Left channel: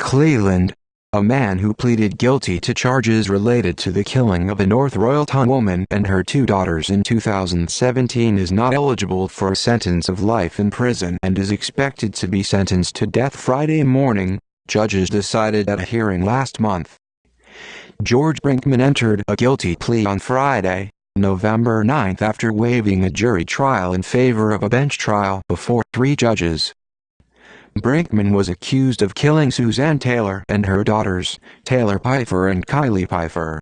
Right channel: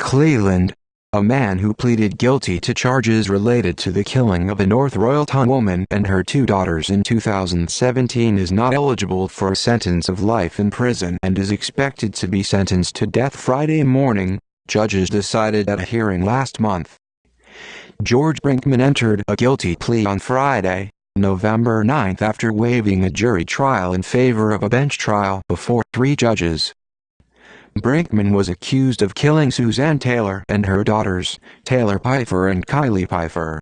Cleveland. A man who pleaded guilty to charges related to the killing of a North Royalton woman and her two daughters in 2017 is not eligible for a sentence of life in prison and is expected to be sentenced to death Friday morning, judges decided at a hearing last month. George Brinkman entered a guilty plea on Friday, November 9 after waiving a jury trial in favor of a bench trial before 3 judges. Brinkman was accused of killing Suzanne Taylor and her daughters, Taylor Pfeiffer and Kylie Pfeiffer.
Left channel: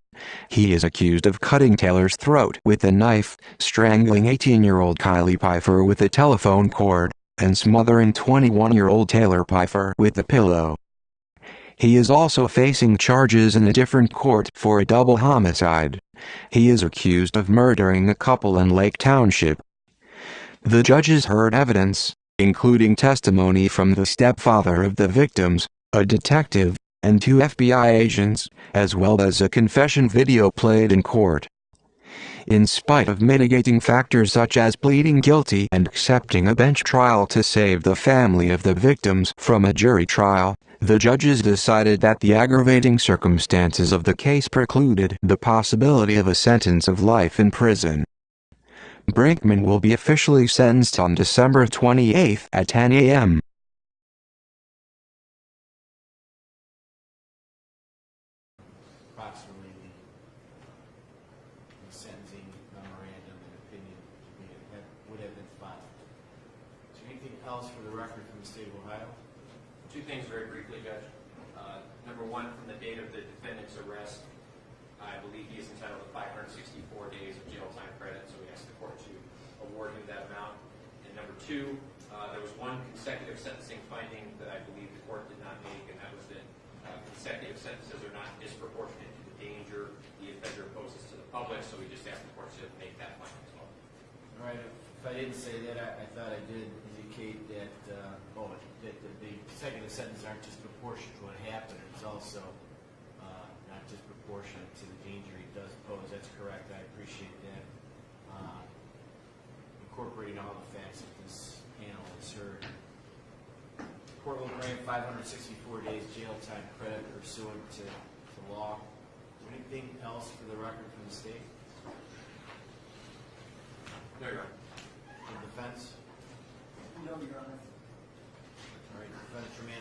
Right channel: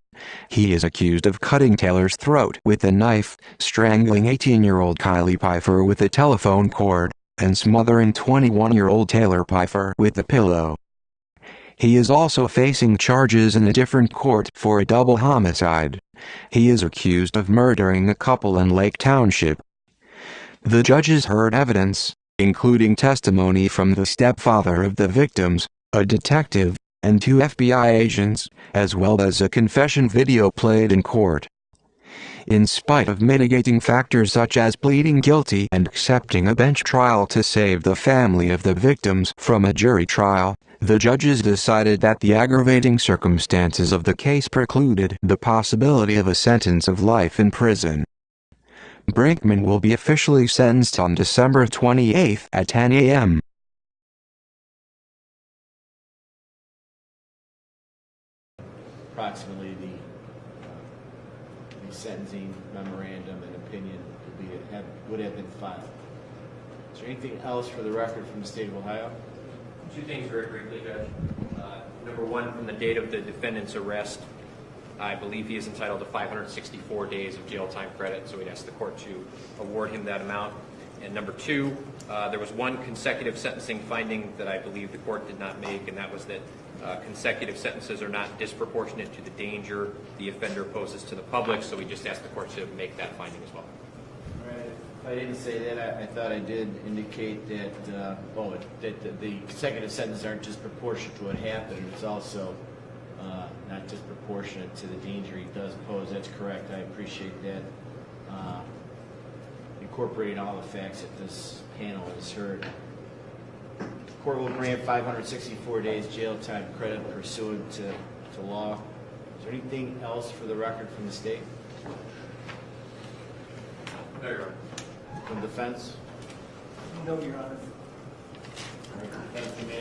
He is accused of cutting Taylor's throat with a knife, strangling 18-year-old Kylie Pfeiffer with a telephone cord, and smothering 21-year-old Taylor Pfeiffer with a pillow. He is also facing charges in a different court for a double homicide. He is accused of murdering a couple in Lake Township. The judges heard evidence, including testimony from the stepfather of the victims, a detective, and 2 FBI agents, as well as a confession video played in court. In spite of mitigating factors such as pleading guilty and accepting a bench trial to save the family of the victims from a jury trial, the judges decided that the aggravating circumstances of the case precluded the possibility of a sentence of life in prison. Brinkman will be officially sentenced on December 28 at 10 a.m. Approximately the sentencing memorandum and opinion would have been filed. Is there anything else for the record from the state of Ohio? 2 things very briefly, Judge. Number 1, from the date of the defendant's arrest, I believe he is entitled to 564 days of jail time credit, so we'd ask the court to award him that amount. And number 2, there was 1 consecutive sentencing finding that I believe the court did not make, and that was that consecutive sentences are not disproportionate to the danger the offender poses to the public, so we just ask the court to make that finding as well. All right. If I didn't say that, I thought I did indicate that, that the consecutive sentences aren't just proportionate to what happened, it's also not disproportionate to the danger he does pose. That's correct. I appreciate that. Incorporating all the facts that this panel has heard. The court will grant 564 days jail time credit pursuant to law. Is there anything else for the record from the state? No, Your Honor. From defense? No, Your Honor. All right, defense, you may